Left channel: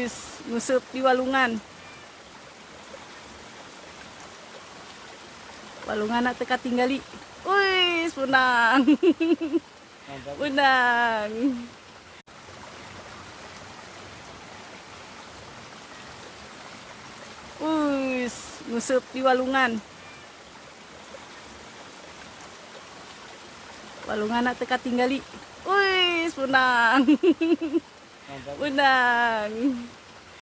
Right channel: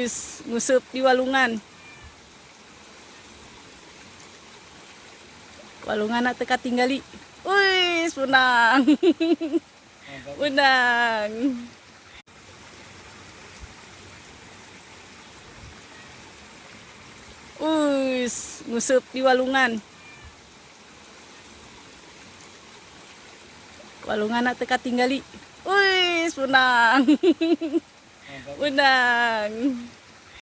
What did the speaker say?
Wis, ngusup di walungan. Walungan nak teka tinggali. Wis, menang. Menang. Wis, ngusup di walungan. Walungan nak teka tinggali. Wis, menang. Menang.